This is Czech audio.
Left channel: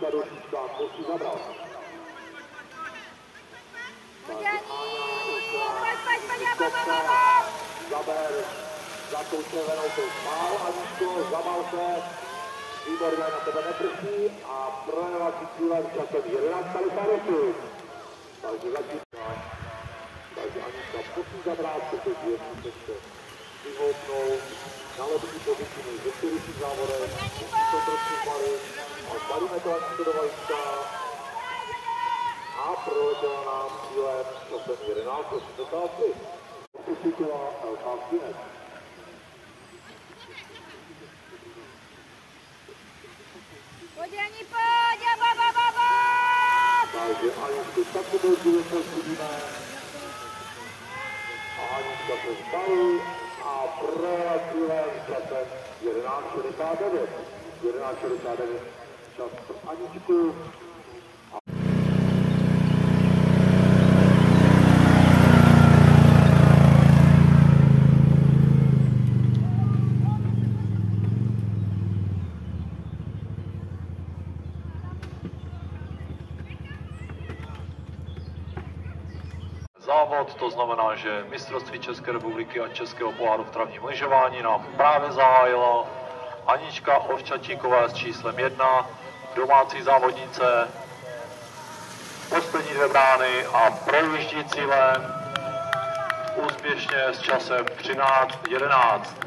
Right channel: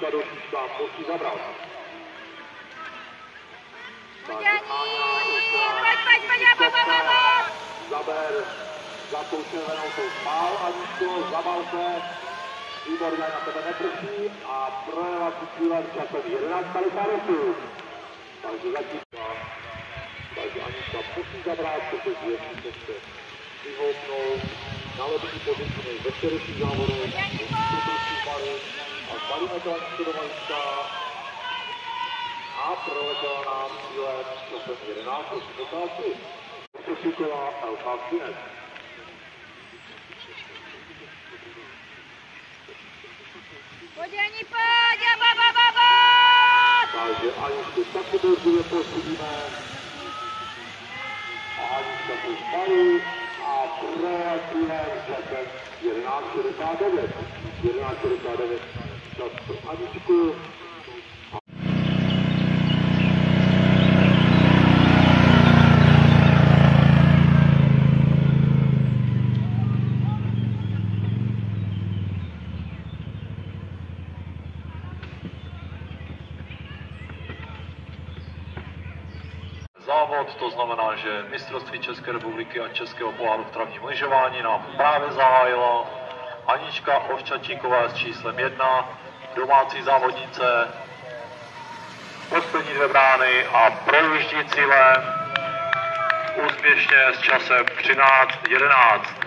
Anička do čísla musí zabrat. Zaber, zakoušel to spál, Aničko, zabal se, výborně na tebe neprší a projela si cílem časem 11:58. Takže začíná, takže Anička musí zabrát, protože je se vyhoupnou na lepší pozici než ve včerejších závodech. A stavíme to Aničko do vajíčka a proletěla nám cílem časem 11:83. Posíková LK Finec. Pojď, Ani, pojď, ba. Takže Aničku taky běží posídíme. A Anička to spalí a proletíme časem 11:69. 11:69 čas pro Aničku. Závod, to znamená, že mistrovství České republiky a Českého poháru v travním lyžování nám právě zahájila Anička Ovčačíková s číslem 1, domácí závodnice, poslední 2 brány a projíždí cílem úspěšně s časem 13:11.